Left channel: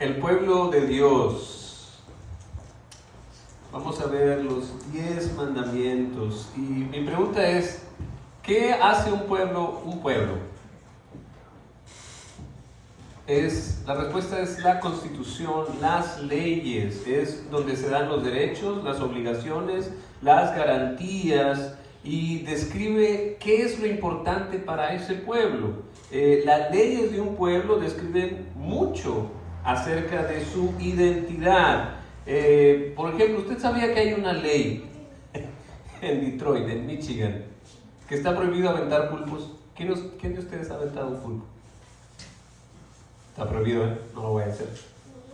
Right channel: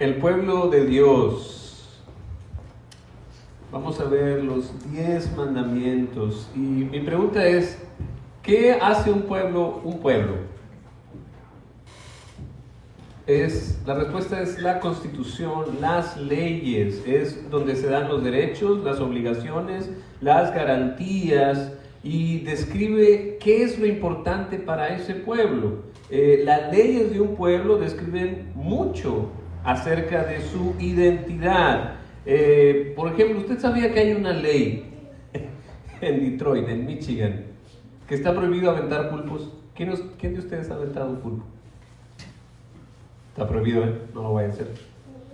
El pueblo de Dios. Vamos a ver los 10 mandamientos. Y mi pregunta es, ¿qué hace un pueblo un pueblo? La respuesta es la Constitución, las leyes, es donde se dan los derechos, las obligaciones, las garantías, y describe qué es lo importante para ese pueblo. Las leyes de un pueblo describen mucho acerca de su identidad. Por ejemplo, ¿usted sabía que hay una ley en Detroit, en Michigan, que está prohibido aventar pulpos? ¿Quién de ustedes ha aventado un pulpo? Está prohibido, no lo voy a hacer.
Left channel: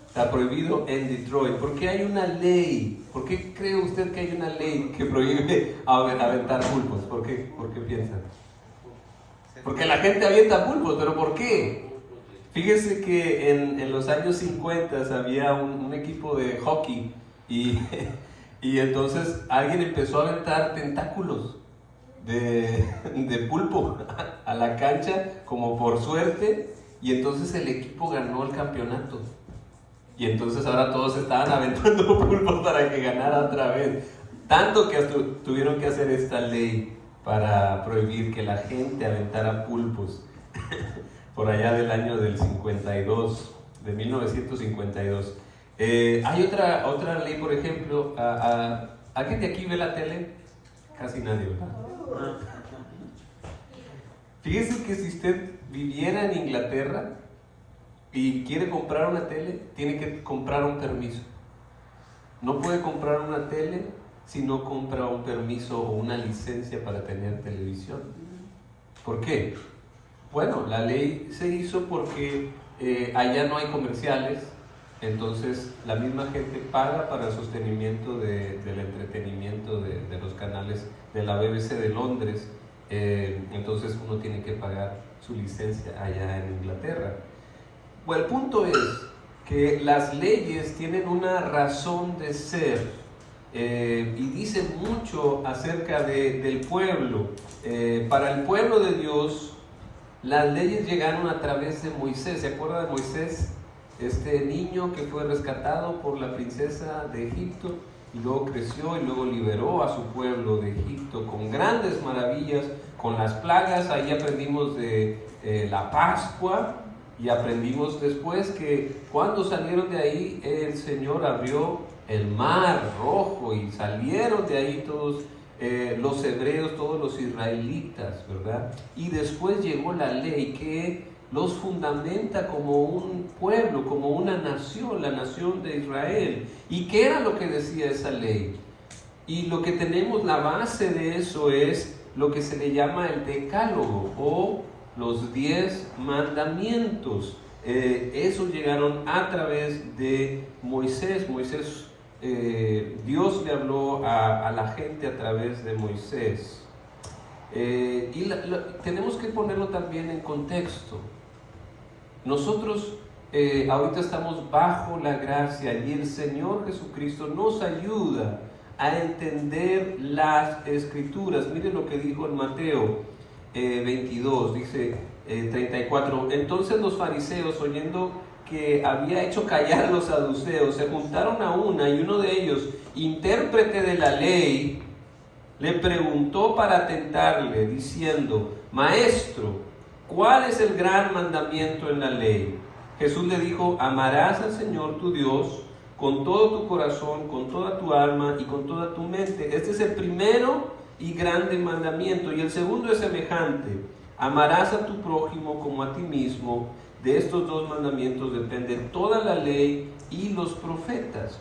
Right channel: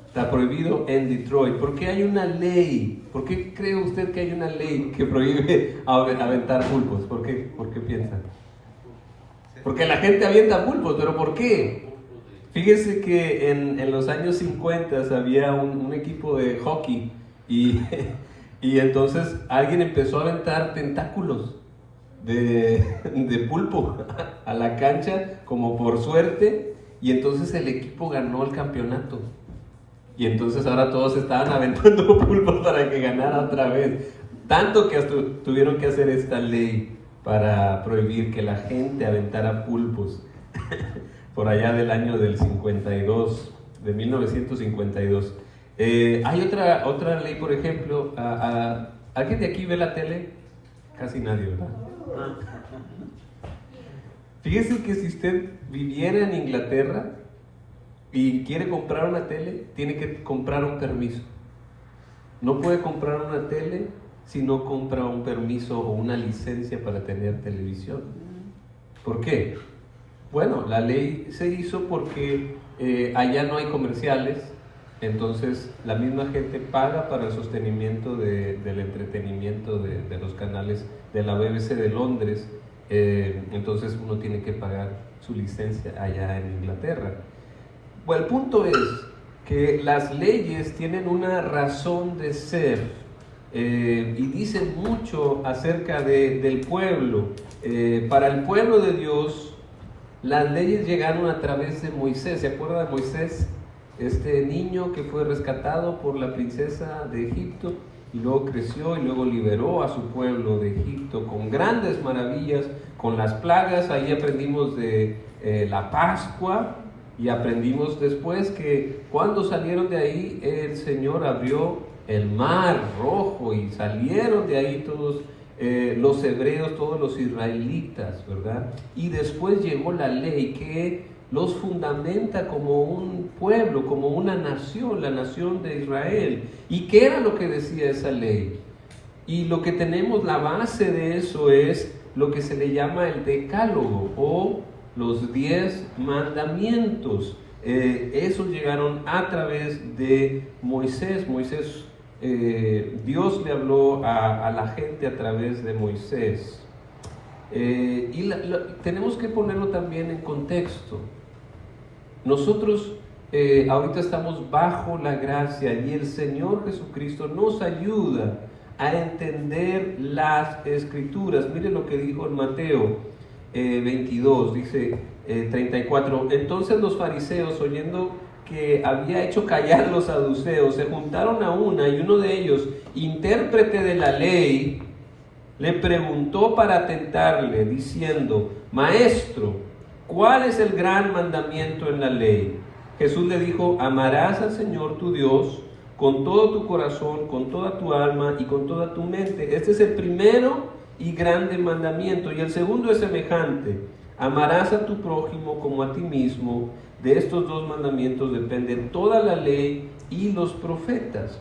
Está prohibido en Detroit. ¿Por qué hay una ley? ¿Por qué cree usted que hay una ley que prohíbe aventar pulpos? ¿Por qué piensan? Porque la gente avienta pulpos, ¿pero por qué? Fíjese que en los años 50 había un equipo de hockey y entonces alguien empezó a aventar tentáculos de pulpo a la cancha como por suerte, y entonces el equipo ganó el campeonato. Y entonces ahora todos estaban aventando pulpos para que ganara otra vez. Tanto que hasta tuvieron que hacer esta ley para prohibir que la gente aventara pulpos. Por allá del año del 52, de 1952. Hay otra ley, por ejemplo. ¿Alguien de aquí ve la tele? Casi nadie, ¿verdad? Fíjese que si usted viviera en Inglaterra y quiere comprar una tele, tiene que comprar un permiso. No puede comprar una tele si no compra un permiso o una licencia para tener televisión. ¿Por qué? Bueno, la ley se hizo porque allá no hay comerciales, entonces la misma gente paga para el sostenimiento del entretenimiento de los canales de la BBC de Londres. Entonces uno tiene que pagar su licencia allá en Inglaterra. Bueno, el punto es que las leyes tienen una razón de ser y dicen mucho acerca del pueblo. Para el pueblo de Dios, las leyes llegaron a través de Moisés. ¿Se acuerda de Moisés? Este niño que fue rescatado por la princesa de Egipto y luego creció y luego liberó a su pueblo de Egipto con grandes maravillas, con las plagas. Ahí aprendimos de la Pascua, y aprendimos después que cuando salieron de ahí el Señor abrió el mar rojo y salieron de ahí todos los hebreos, todos los israelitas, ¿verdad? Y después llegó la ley que los fundamenta como un pueblo, como una nación, la nación de Israel. ¿Y qué era lo que decía esa ley? Y lo que tenemos, la base de eso es lo que se le llama el Decálogo o los 10 mandamientos. Esos llegaron a través de Moisés. Dios le habló a la gente a través de Moisés. Tenemos que ponerlo también en contexto. Nosotros ahorita estamos bajo la gracia y el Señor Jesucristo nos ayuda a entender las Escrituras. Mire lo que dijo en Mateo 22, dice 34. Entonces los fariseos, oyendo que había hecho callar a los saduceos, se juntaron a una, y uno de ellos, intérprete de la ley, le preguntó para tentarle, diciendo: Maestro, ¿cuál es el gran mandamiento en la ley? Jesús le dijo: amarás al Señor tu Dios con todo tu corazón, con toda tu alma y con toda tu mente. Este es el primero y grande mandamiento, y el segundo es semejante: amarás a tu prójimo como a ti mismo. De estos dos mandamientos dependen toda la ley y los profetas.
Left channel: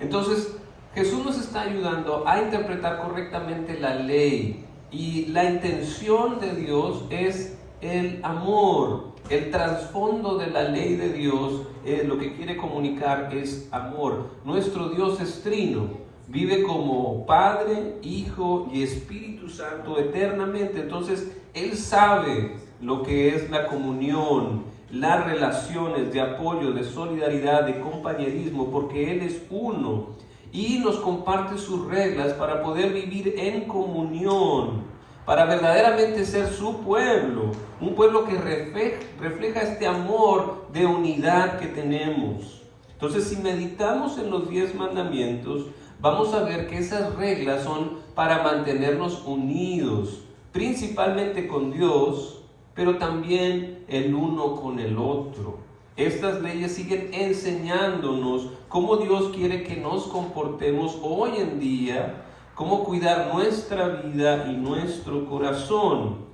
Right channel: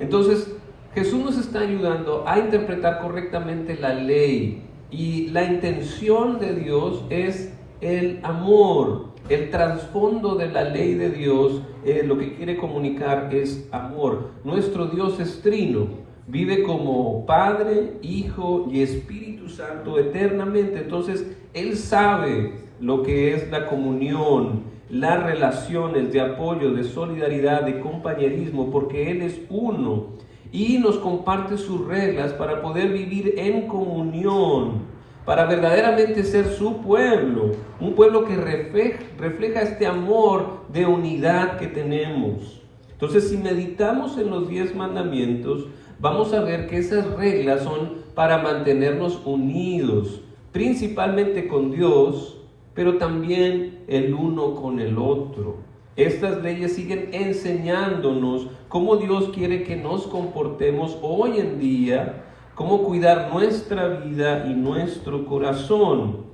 Entonces Jesús nos está ayudando a interpretar correctamente la ley, y la intención de Dios es el amor. El trasfondo de la ley de Dios, lo que quiere comunicar es amor. Nuestro Dios es trino, vive como Padre, Hijo y Espíritu Santo eternamente. Entonces Él sabe lo que es la comunión, las relaciones de apoyo, de solidaridad, de compañerismo, porque Él es uno y nos comparte sus reglas para poder vivir en comunión. para verdaderamente ser su pueblo, un pueblo que refleja este amor de unidad que tenemos. Entonces, si meditamos en los 10 mandamientos, vamos a ver que esas reglas son para mantenernos unidos, principalmente con Dios, pero también el uno con el otro. Estas leyes siguen enseñándonos cómo Dios quiere que nos comportemos hoy en día, cómo cuidar nuestra vida y nuestro corazón.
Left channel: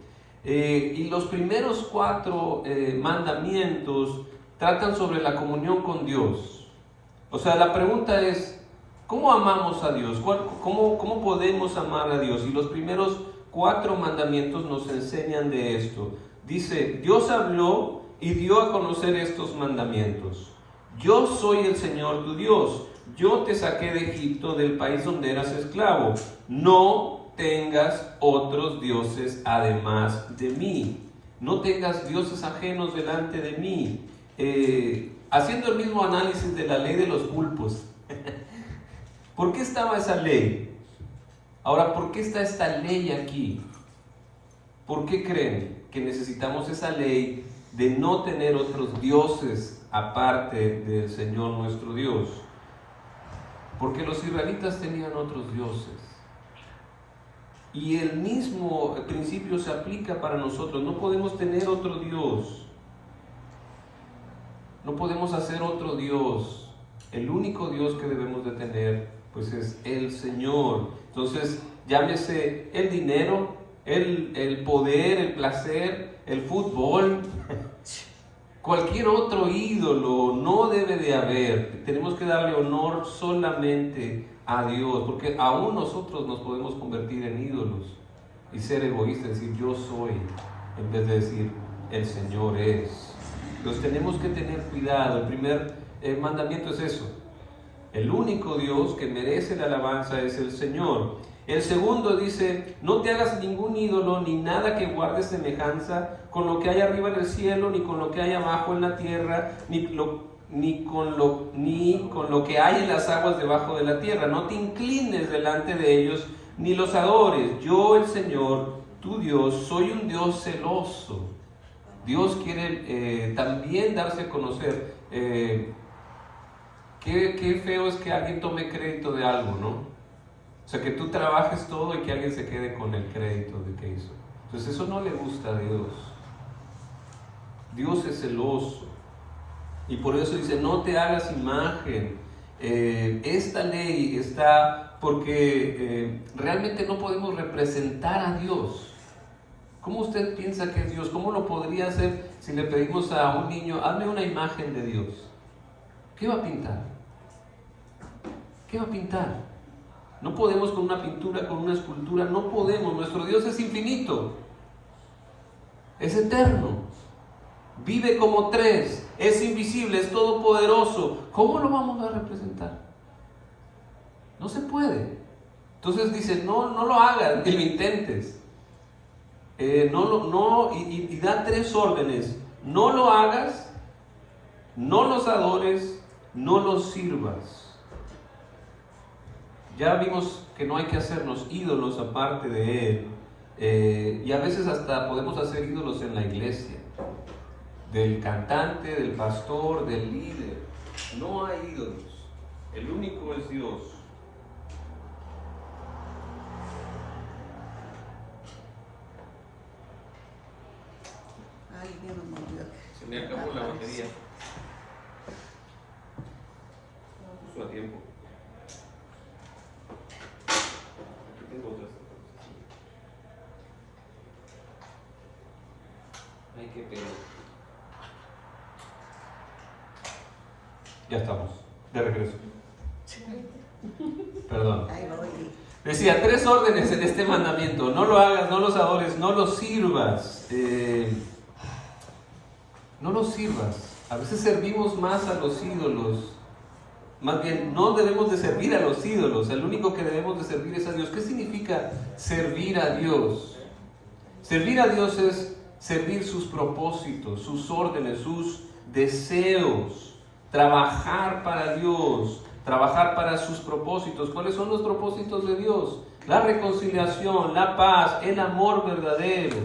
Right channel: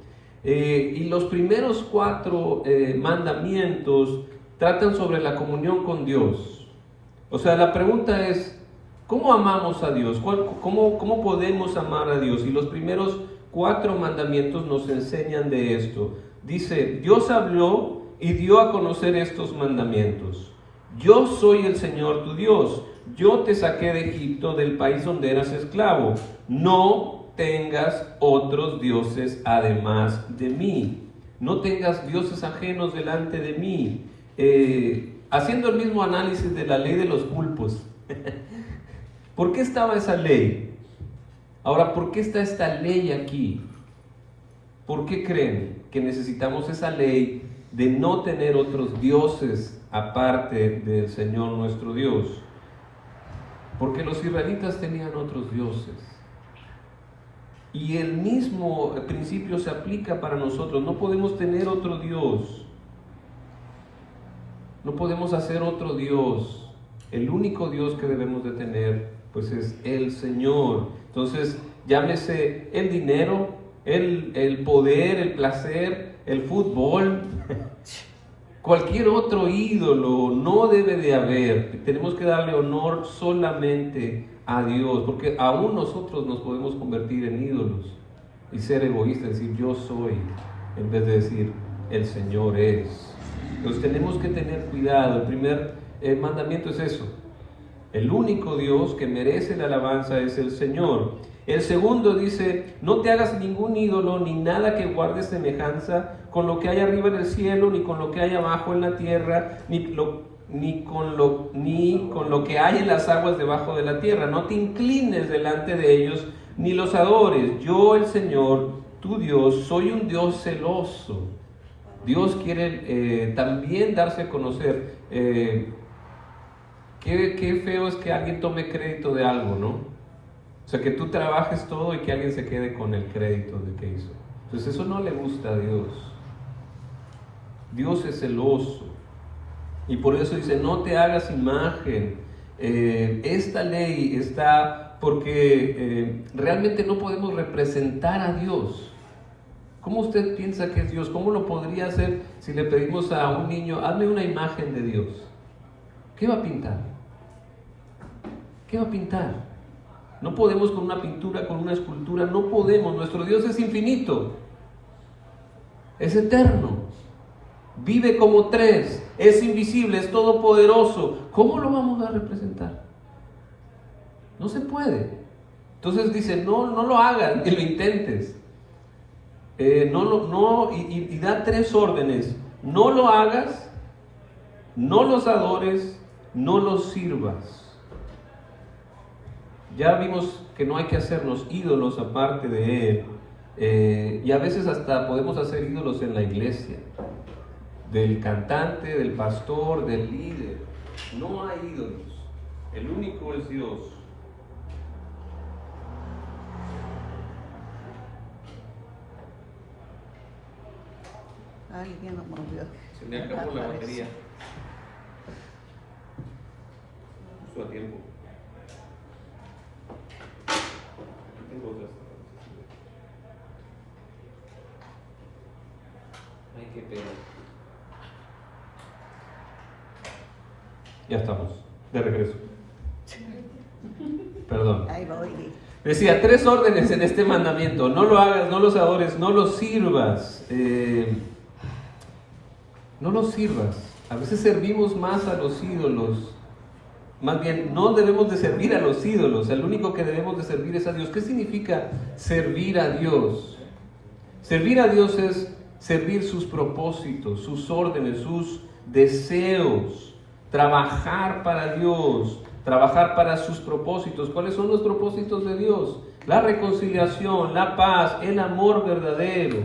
Y los primeros 4 mandamientos tratan sobre la comunión con Dios. O sea, la pregunta es, ¿cómo amamos a Dios? ¿Cómo podemos amar a Dios? Y los primeros 4 mandamientos nos enseñan de esto. Dice, Dios habló y dio a conocer estos mandamientos. Yo soy el Señor tu Dios. Yo te saqué de Egipto, del país donde eras esclavo. No tengas otros dioses además de mí. No tengas dioses ajenos delante de mí. Haciendo el mismo análisis de la ley de los pulpos. ¿Por qué estaba esa ley? Ahora, ¿por qué está esta ley aquí? ¿Por qué creen que necesitamos esa ley de no tener otros dioses aparte del Señor nuestro Dios? Porque los israelitas tenían otros dioses. Y el mismo principio se aplica para nosotros. No podemos tener otro Dios. No podemos hacer otro Dios. El único Dios que debemos de tener, pues es el Señor. Entonces, llámese el dinero, el poder, el placer, el fútbol, cualquier otro ídolo no debe de haber. Tenemos que darle honor solamente a Dios, porque aún nosotros nos podemos convertir en ídolos y ser egoístas, decir yo soy, en vez de decir el Señor es. Entonces tenemos que tener cuidado. El primer mandamiento es eso. El único Dios que merece la alabanza es el Señor. El segundo dice, no te hagas ningún ídolo, ni nada que guarde semejanza con lo que hay arriba en el cielo, ni con lo que hay abajo en la tierra, ni con lo que hay en las aguas debajo de la tierra. No te inclines delante de ellos, ni los adores. Yo, el Señor, tu Dios, soy un Dios celoso. Dios quiere también darse a conocer. Qué feo es que alguien tome crédito de algo, ¿no? O sea, que tú trabajes todo y que alguien se quede con el crédito de que hizo. Entonces eso no le gusta a Dios. Dios es celoso. Y por eso dice, no te hagas imagen. Esta ley está porque realmente no podemos representar a Dios. ¿Cómo usted piensa que es Dios? ¿Cómo lo podría hacer si le pedimos a un niño, hazme una imagen de Dios? ¿Qué va a pintar? ¿Qué va a pintar? No podemos con una pintura, con una escultura, no podemos. Nuestro Dios es infinito, es eterno, vive como 3, es invisible, es todopoderoso. ¿Cómo lo vamos a representar? No se puede. Entonces dice, no lo hagas, ni lo intentes. Y da 3 órdenes. No lo hagas, no los adores, no los sirvas. Ya vimos que no hay que hacernos ídolos aparte de Él. Y a veces hasta podemos hacer ídolos en la iglesia. Del cantante, del pastor, del líder. No hay ídolos. El único es Dios. Se me acabó la batería. Justo a tiempo. Tengo otras. Ay, qué pena. Ya estamos, de regreso. Perdón. Decía, 3 órdenes en este mandamiento. No lo hagas, no los adores, no los sirvas. No los sirvas. A veces servimos más a los ídolos. Más bien, no debemos de servir a los ídolos. El único que debemos de servir es a Dios. ¿Qué significa servir a Dios? Servir a Dios es servir sus propósitos, sus órdenes, sus deseos. Trabajar para Dios, trabajar para sus propósitos. ¿Cuáles son los propósitos de Dios? la reconciliación, la paz, el amor verdadero,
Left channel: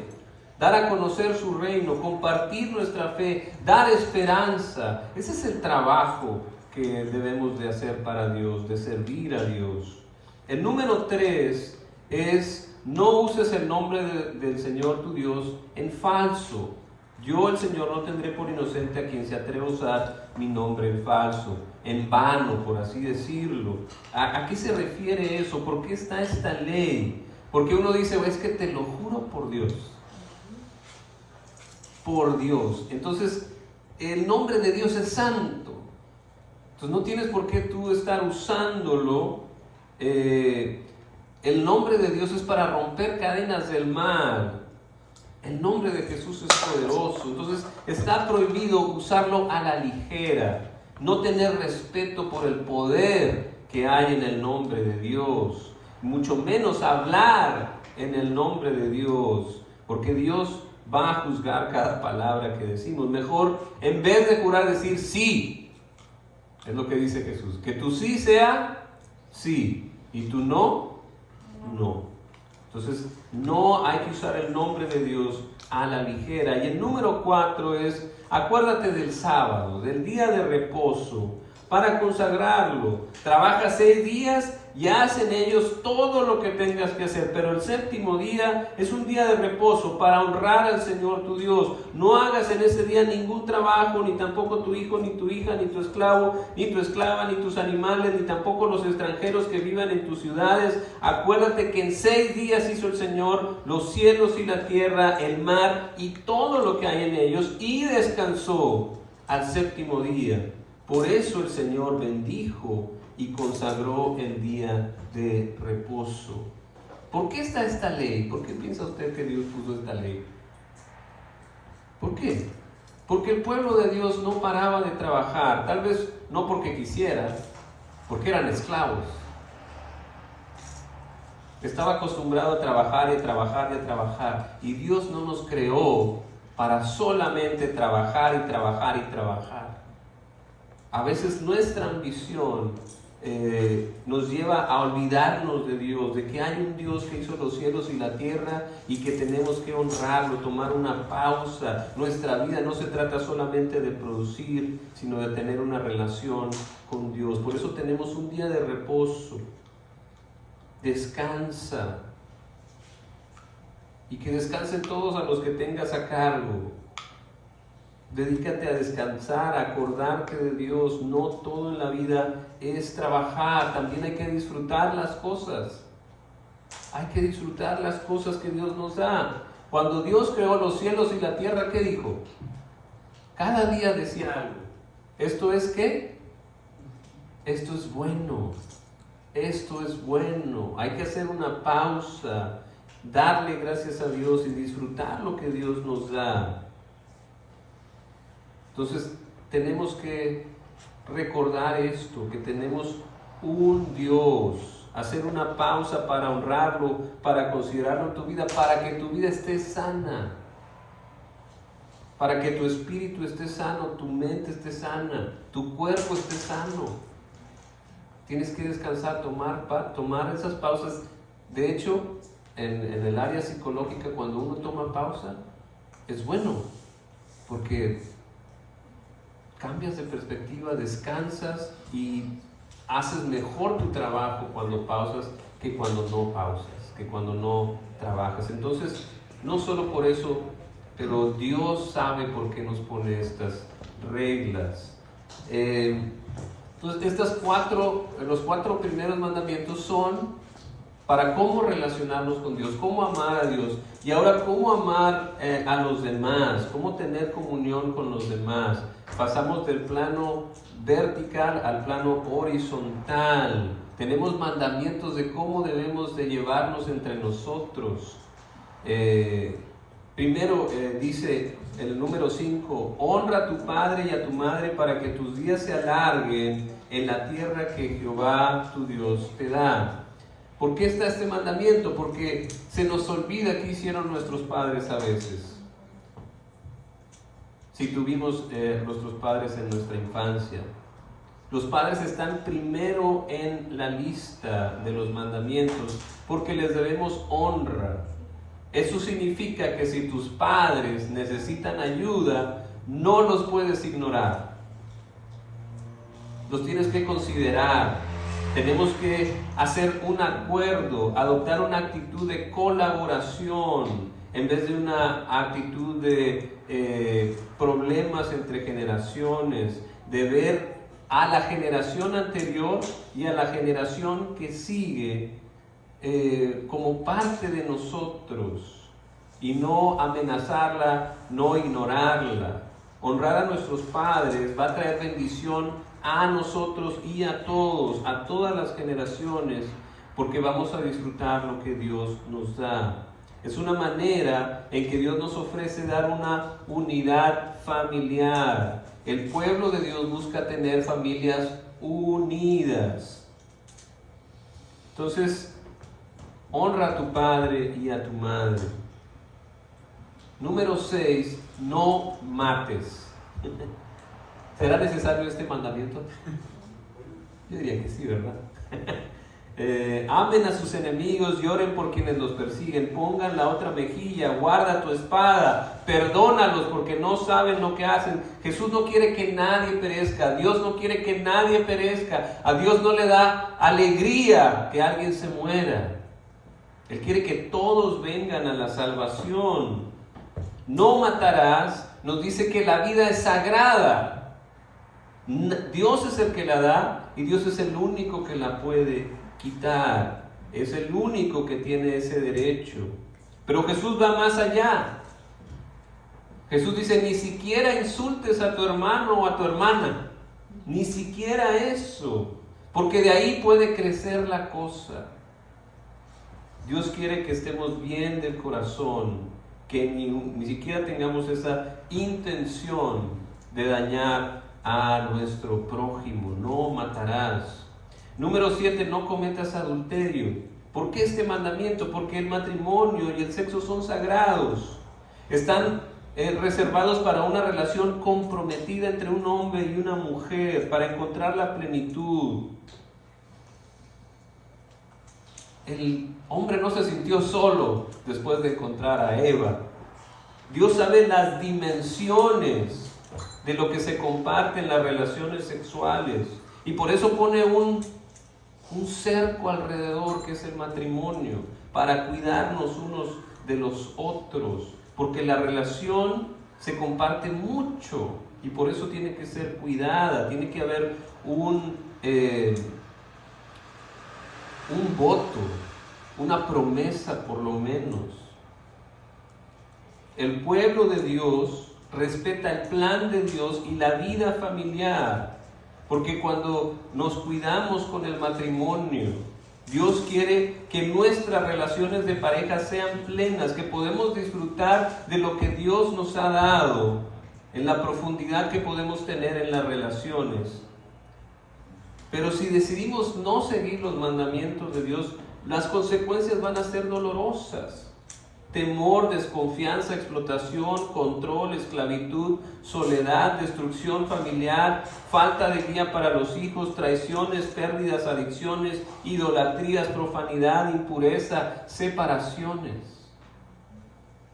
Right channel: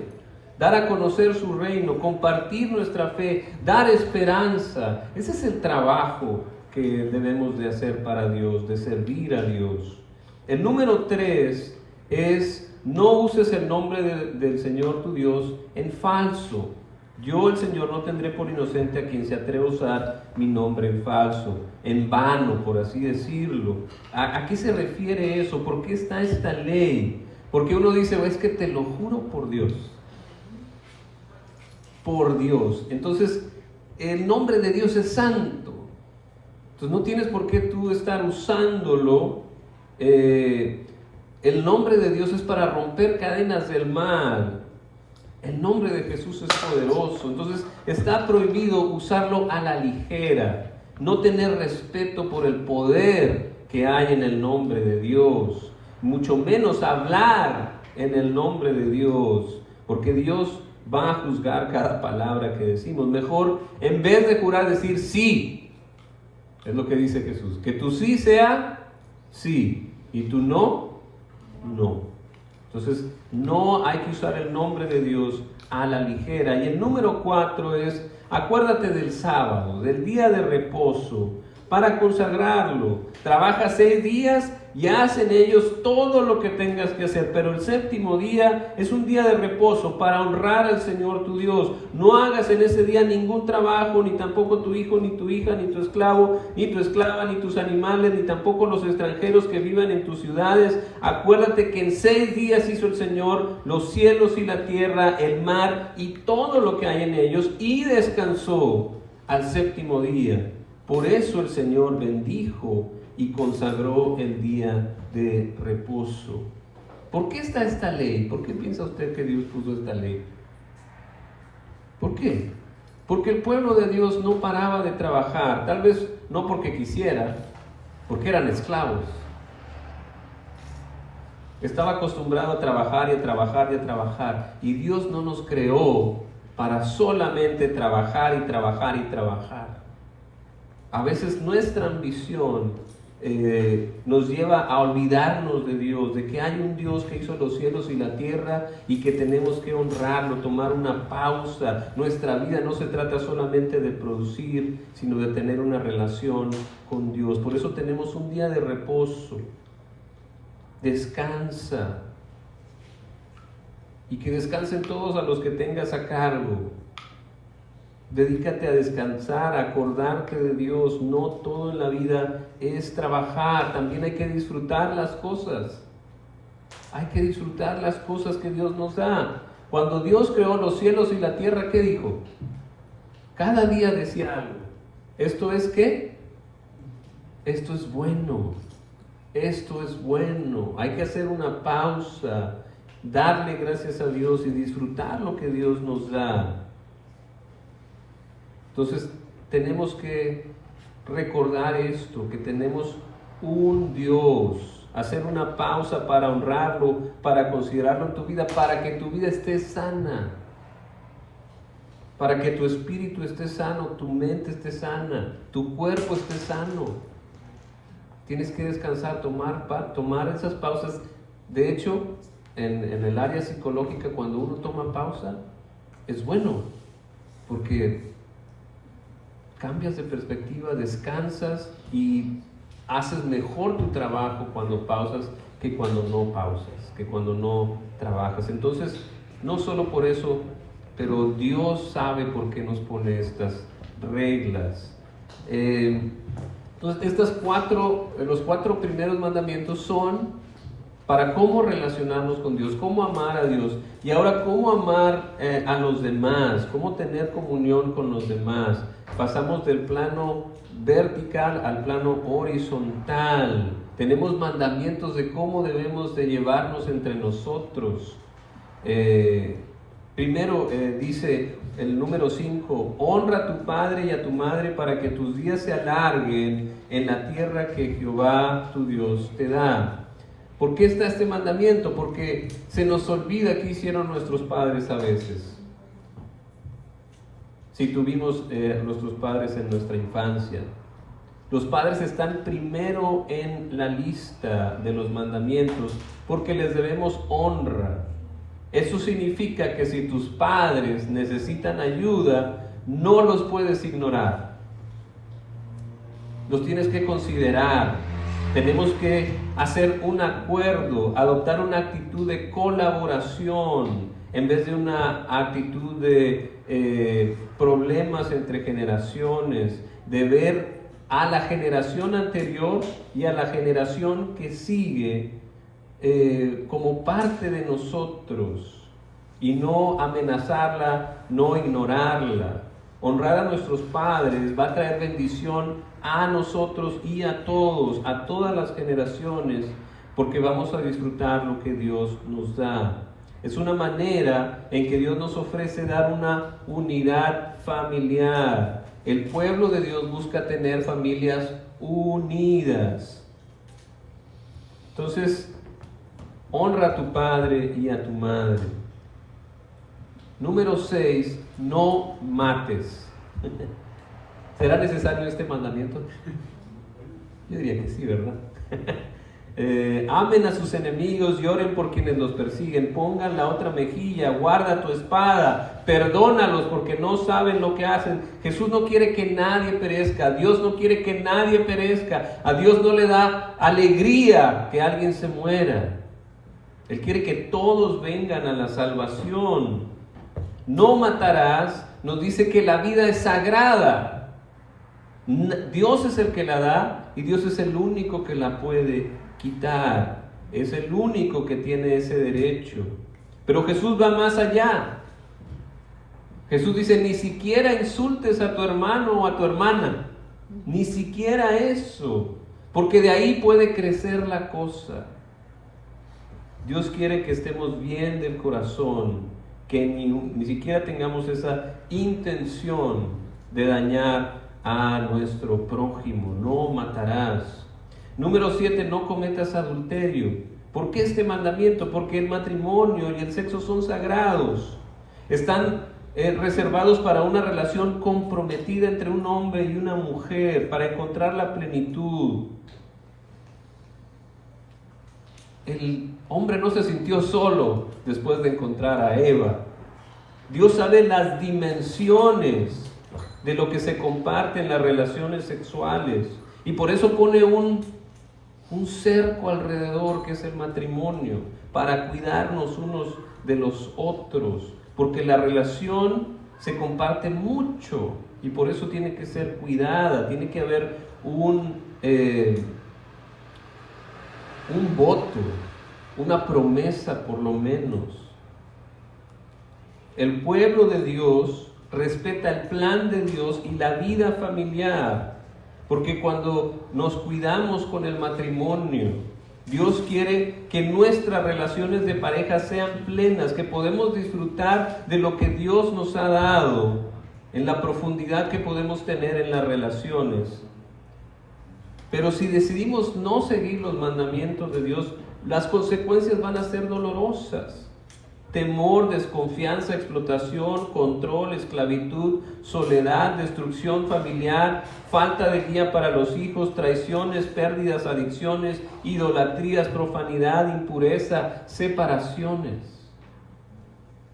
dar a conocer su reino, compartir nuestra fe, dar esperanza. Ese es el trabajo que debemos de hacer para Dios, de servir a Dios. El número 3 es: no uses el nombre del Señor tu Dios en falso. Yo, el Señor, no tendré por inocente a quien se atreva a usar mi nombre en falso, en vano, por así decirlo. ¿A qué se refiere eso? ¿Por qué está esta ley? Porque uno dice, es que te lo juro por Dios. Por Dios. Entonces, el nombre de Dios es santo. Entonces, no tienes por qué tú estar usándolo. El nombre de Dios es para romper cadenas del mal. El nombre de Jesús es poderoso. Entonces está prohibido usarlo a la ligera, no tener respeto por el poder que hay en el nombre de Dios, mucho menos hablar en el nombre de Dios, porque Dios va a juzgar cada palabra que decimos. Mejor, en vez de jurar, decir sí. Es lo que dice Jesús, que tu sí sea sí y tu no, no. Entonces, no hay que usar el nombre de Dios a la ligera. Y el número 4 es: acuérdate del sábado, del día de reposo, para consagrarlo. Trabaja 6 días y haz en ellos todo lo que tengas que hacer. Pero el séptimo día es un día de reposo para honrar al Señor tu Dios. No hagas en ese día ningún trabajo, ni tampoco tu hijo, ni tu hija, ni tu esclavo, ni tu esclava, ni tus animales, ni tampoco los extranjeros que vivan en tus ciudades. Acuérdate que en 6 días hizo el Señor los cielos y la tierra, el mar y todo lo que hay en ellos, y descansó al séptimo día. Por eso el Señor bendijo y consagró el día de reposo. ¿Por qué está esta ley? ¿Por qué piensa usted que Dios puso esta ley? ¿Por qué? Porque el pueblo de Dios no paraba de trabajar, tal vez no porque quisiera, porque eran esclavos. Estaba acostumbrado a trabajar y a trabajar y a trabajar. Y Dios no nos creó para solamente trabajar y trabajar y trabajar. A veces nuestra ambición nos lleva a olvidarnos de Dios, de que hay un Dios que hizo los cielos y la tierra y que tenemos que honrarlo, tomar una pausa. Nuestra vida no se trata solamente de producir, sino de tener una relación con Dios. Por eso tenemos un día de reposo. Descansa. Y que descansen todos a los que tengas a cargo. Dedícate a descansar, a acordarte de Dios. No todo en la vida es trabajar, también hay que disfrutar las cosas. Hay que disfrutar las cosas que Dios nos da. Cuando Dios creó los cielos y la tierra, ¿qué dijo? Cada día decía algo. ¿Esto es qué? Esto es bueno. Esto es bueno. Hay que hacer una pausa, darle gracias a Dios y disfrutar lo que Dios nos da. Entonces tenemos que recordar esto, que tenemos un Dios, hacer una pausa para honrarlo, para considerarlo en tu vida, para que tu vida esté sana, para que tu espíritu esté sano, tu mente esté sana, tu cuerpo esté sano. Tienes que descansar, tomar esas pausas. De hecho, en el área psicológica, cuando uno toma pausa, es bueno, porque cambias de perspectiva, descansas y haces mejor tu trabajo cuando pausas que cuando no pausas, que cuando no trabajas. Entonces, no solo por eso, pero Dios sabe por qué nos pone estas reglas. Entonces, los 4 primeros mandamientos son para cómo relacionarnos con Dios, cómo amar a Dios, y ahora cómo amar a los demás, cómo tener comunión con los demás. Pasamos del plano vertical al plano horizontal. Tenemos mandamientos de cómo debemos de llevarnos entre nosotros. Primero dice el número 5, honra a tu padre y a tu madre para que tus días se alarguen en la tierra que Jehová tu Dios te da. ¿Por qué está este mandamiento? Porque se nos olvida qué hicieron nuestros padres a veces. Si tuvimos nuestros padres en nuestra infancia. Los padres están primero en la lista de los mandamientos porque les debemos honra. Eso significa que si tus padres necesitan ayuda, no los puedes ignorar. Los tienes que considerar. Tenemos que hacer un acuerdo, adoptar una actitud de colaboración en vez de una actitud de problemas entre generaciones, de ver a la generación anterior y a la generación que sigue como parte de nosotros y no amenazarla, no ignorarla. Honrar a nuestros padres va a traer bendición a nosotros y a todos, a todas las generaciones, porque vamos a disfrutar lo que Dios nos da. Es una manera en que Dios nos ofrece dar una unidad familiar. El pueblo de Dios busca tener familias unidas. Entonces, honra a tu padre y a tu madre. Número 6, no mates. ¿Será necesario este mandamiento? Yo diría que sí, ¿verdad? Amen a sus enemigos y oren por quienes los persiguen. Pongan la otra mejilla, guarda tu espada, perdónalos porque no saben lo que hacen. Jesús no quiere que nadie perezca. Dios no quiere que nadie perezca. A Dios no le da alegría que alguien se muera. Él quiere que todos vengan a la salvación. No matarás, nos dice que la vida es sagrada. Dios es el que la da y Dios es el único que la puede quitar. Es el único que tiene ese derecho. Pero Jesús va más allá. Jesús dice, ni siquiera insultes a tu hermano o a tu hermana. Ni siquiera eso. Porque de ahí puede crecer la cosa. Dios quiere que estemos bien del corazón, que ni siquiera tengamos esa intención de dañar a nuestro prójimo. No matarás. Número 7, no cometas adulterio. ¿Por qué este mandamiento? Porque el matrimonio y el sexo son sagrados. Están reservados para una relación comprometida entre un hombre y una mujer, para encontrar la plenitud. El hombre no se sintió solo después de encontrar a Eva. Dios sabe las dimensiones de lo que se comparte en las relaciones sexuales y por eso pone un cerco alrededor que es el matrimonio, para cuidarnos unos de los otros, porque la relación se comparte mucho y por eso tiene que ser cuidada. Tiene que haber un voto, una promesa por lo menos. El pueblo de Dios respeta el plan de Dios y la vida familiar, porque cuando nos cuidamos con el matrimonio, Dios quiere que nuestras relaciones de pareja sean plenas, que podemos disfrutar de lo que Dios nos ha dado, en la profundidad que podemos tener en las relaciones. Pero si decidimos no seguir los mandamientos de Dios, las consecuencias van a ser dolorosas. Temor, desconfianza, explotación, control, esclavitud, soledad, destrucción familiar, falta de guía para los hijos, traiciones, pérdidas, adicciones, idolatrías, profanidad, impureza, separaciones.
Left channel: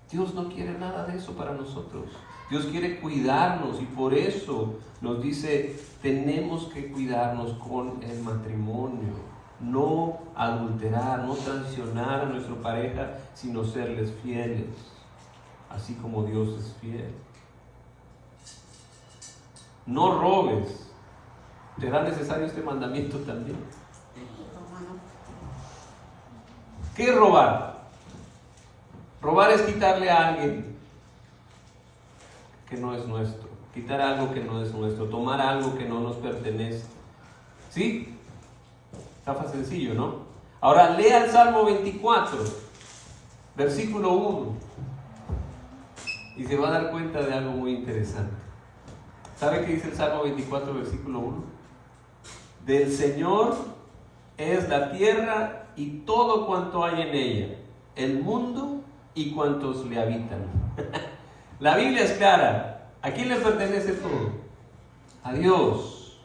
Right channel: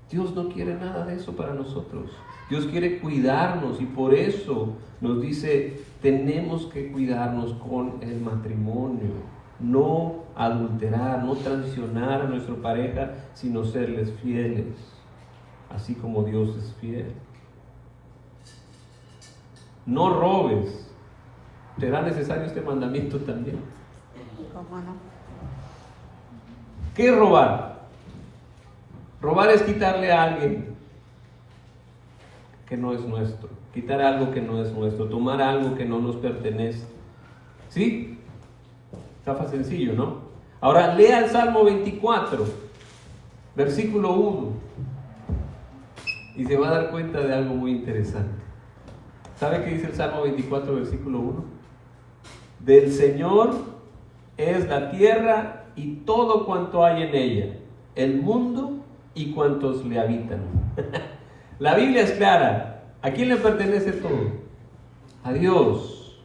Dios no quiere nada de eso para nosotros. Dios quiere cuidarnos y por eso nos dice, tenemos que cuidarnos con el matrimonio. No adulterar, no traicionar a nuestra pareja, sino serles fieles, así como Dios es fiel. No robes. ¿Será necesario este mandamiento también? ¿Qué es robar? Robar es quitarle a alguien que no es nuestro, quitar algo que no es nuestro, tomar algo que no nos pertenece. ¿Sí? Está sencillo, ¿no? Ahora lea el Salmo 24, versículo 1, y se va a dar cuenta de algo muy interesante. ¿Sabe qué dice el Salmo 24, versículo 1? Del Señor es la tierra y todo cuanto hay en ella, el mundo y cuantos le habitan. La Biblia es clara. ¿A quién le pertenece todo? A Dios.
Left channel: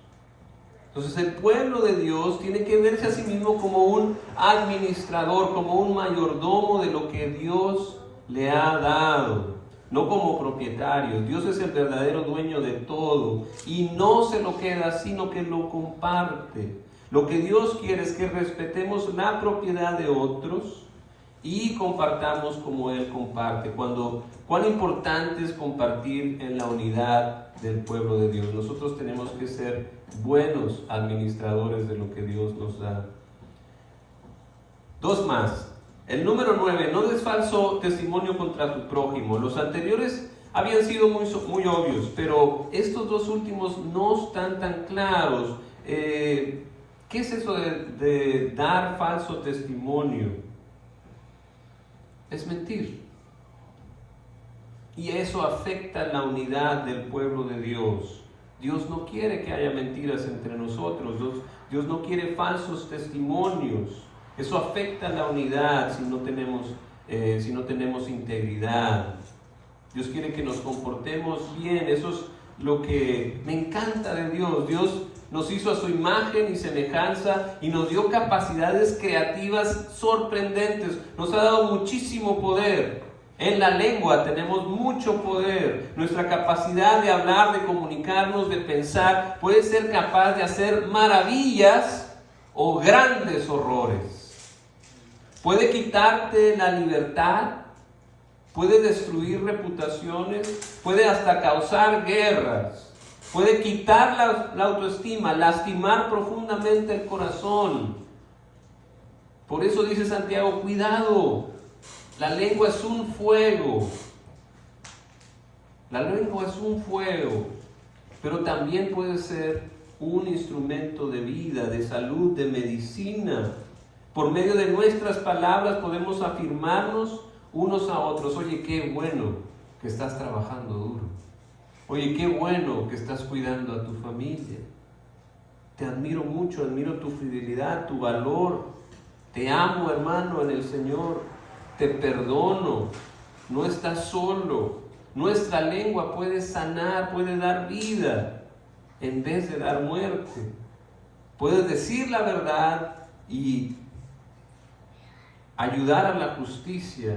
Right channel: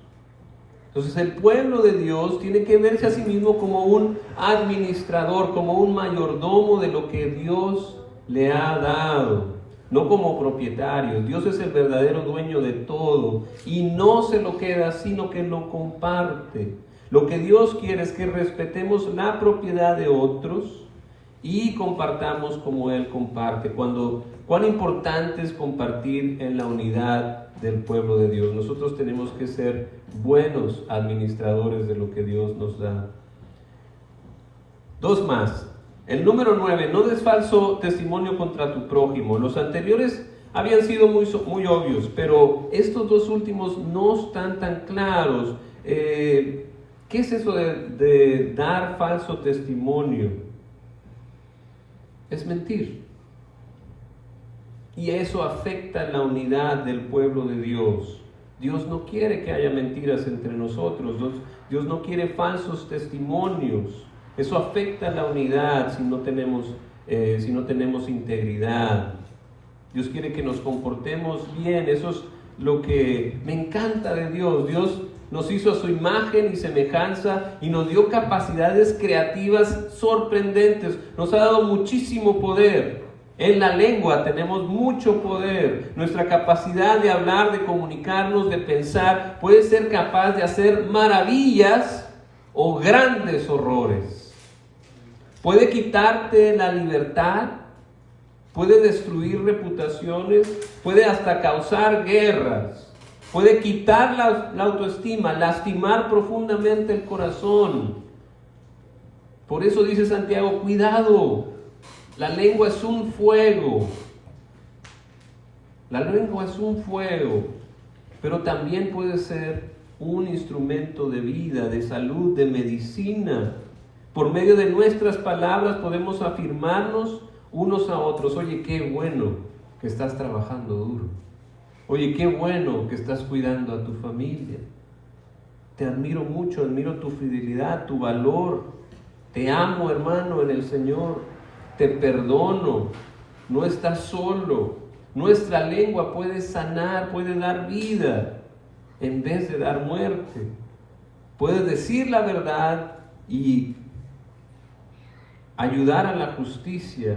Entonces el pueblo de Dios tiene que verse a sí mismo como un administrador, como un mayordomo de lo que Dios le ha dado, no como propietario. Dios es el verdadero dueño de todo y no se lo queda, sino que lo comparte. Lo que Dios quiere es que respetemos la propiedad de otros y compartamos como Él comparte. Cuán importante es compartir en la unidad del pueblo de Dios. Nosotros tenemos que ser buenos administradores de lo que Dios nos da. Dos más. El número 9, no des falso testimonio contra tu prójimo. Los anteriores habían sido muy obvios, pero estos dos últimos no están tan claros. ¿Qué es eso de dar falso testimonio? Es mentir. Y eso afecta la unidad del pueblo de Dios. Dios no quiere que haya mentiras entre nosotros. Dios no quiere falsos testimonios. Eso afecta la unidad si no tenemos integridad. Dios quiere que nos comportemos bien. Eso es lo que me encanta de Dios. Dios nos hizo a su imagen y semejanza y nos dio capacidades creativas sorprendentes. Nos ha dado muchísimo poder. En la lengua tenemos mucho poder. Nuestra capacidad de hablar, de comunicarnos, de pensar, puede ser capaz de hacer maravillas o grandes horrores. Puede quitarte la libertad, puede destruir reputaciones, puede hasta causar guerras, puede quitar la autoestima, lastimar profundamente el corazón. Por eso dice Santiago, cuidado, la lengua es un fuego. La lengua es un fuego, pero también puede ser un instrumento de vida, de salud, de medicina. Por medio de nuestras palabras podemos afirmarnos unos a otros. Oye, qué bueno que estás trabajando duro. Oye, qué bueno que estás cuidando a tu familia. Te admiro mucho, admiro tu fidelidad, tu valor. Te amo, hermano, en el Señor. Te perdono. No estás solo. Nuestra lengua puede sanar, puede dar vida en vez de dar muerte. Puedes decir la verdad y ayudar a la justicia.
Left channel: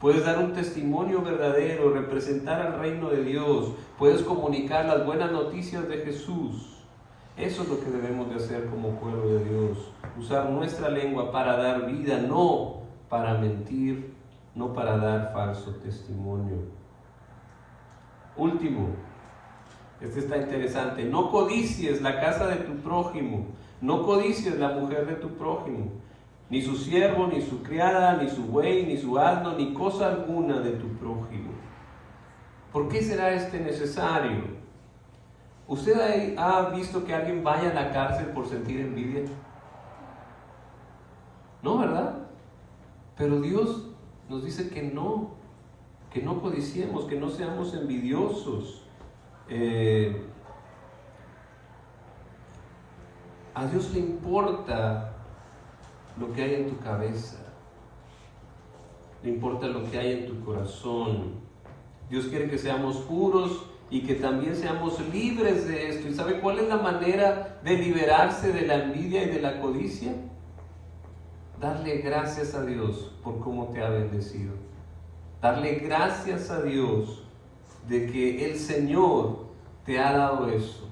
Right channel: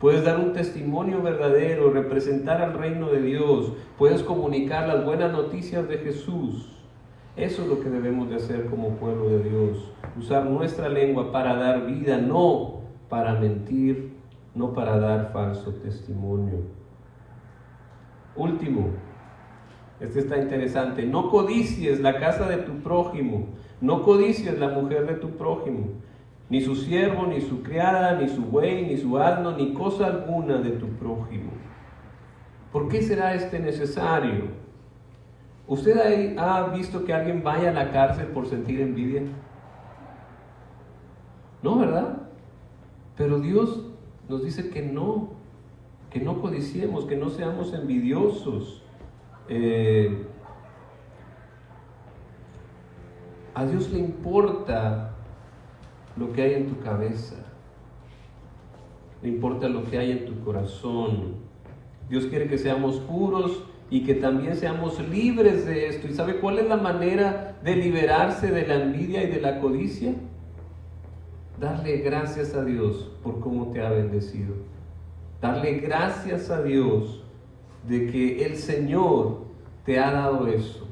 Puedes dar un testimonio verdadero, representar al reino de Dios. Puedes comunicar las buenas noticias de Jesús. Eso es lo que debemos de hacer como pueblo de Dios. Usar nuestra lengua para dar vida, no para mentir, no para dar falso testimonio. Último, este está interesante. No codicies la casa de tu prójimo. No codicies la mujer de tu prójimo. Ni su siervo, ni su criada, ni su buey, ni su asno, ni cosa alguna de tu prójimo. ¿Por qué será necesario? ¿Usted ha visto que alguien vaya a la cárcel por sentir envidia? No, ¿verdad? Pero Dios nos dice que no codiciemos, que no seamos envidiosos. A Dios le importa lo que hay en tu cabeza, le importa lo que hay en tu corazón. Dios quiere que seamos puros y que también seamos libres de esto. ¿Y sabe cuál es la manera de liberarse de la envidia y de la codicia? Darle gracias a Dios por cómo te ha bendecido. Darle gracias a Dios de que el Señor te ha dado eso,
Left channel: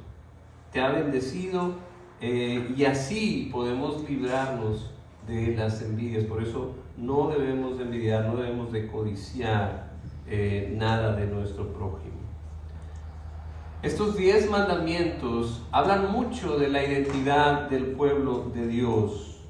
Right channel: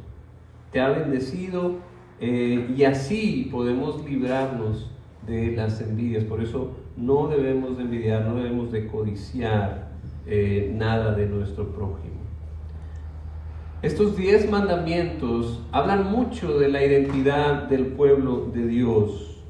te ha bendecido, y así podemos librarnos de las envidias. Por eso no debemos de envidiar, no debemos de codiciar nada de nuestro prójimo. Estos 10 mandamientos hablan mucho de la identidad del pueblo de Dios.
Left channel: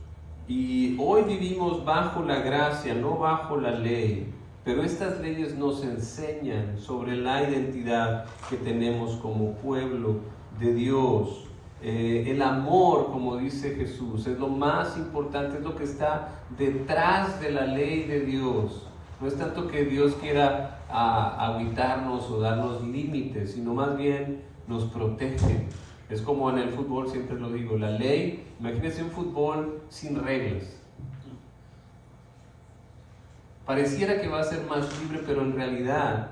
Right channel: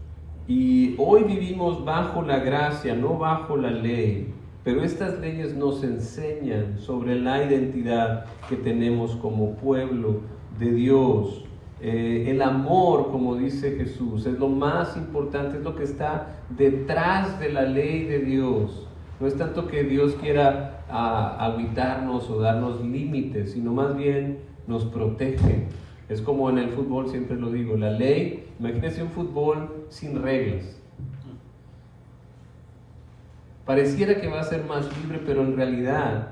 Y hoy vivimos bajo la gracia, no bajo la ley. Pero estas leyes nos enseñan sobre la identidad que tenemos como pueblo de Dios. El amor, como dice Jesús, es lo más importante, es lo que está detrás de la ley de Dios. No es tanto que Dios quiera habitarnos o darnos límites, sino más bien nos protege. Es como en el fútbol, siempre lo digo, la ley, imagínense un fútbol sin reglas. Pareciera que va a ser más libre, pero en realidad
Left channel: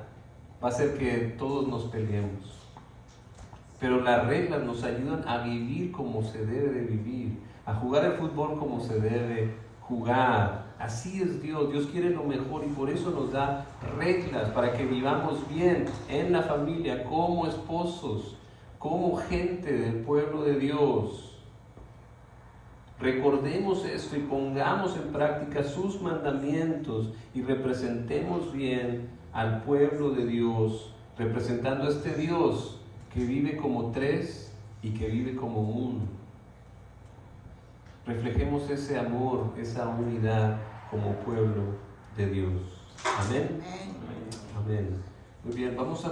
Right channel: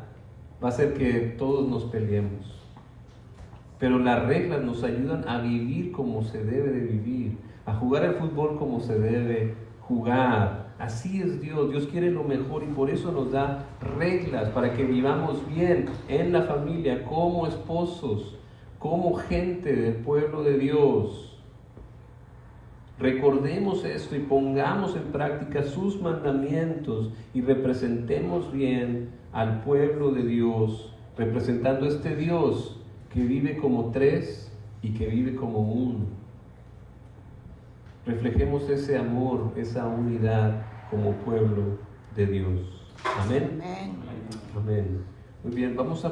va a ser que todos nos peleemos. pero las reglas nos ayudan a vivir como se debe de vivir, a jugar el fútbol como se debe jugar. Así es Dios. Dios quiere lo mejor y por eso nos da reglas para que vivamos bien en la familia, como esposos, como gente del pueblo de Dios. Recordemos esto y pongamos en práctica sus mandamientos y representemos bien al pueblo de Dios, representando a este Dios que vive como tres y que vive como uno. Reflejemos ese amor, esa unidad como pueblo de Dios. Amén. Amén. Muy bien, vamos a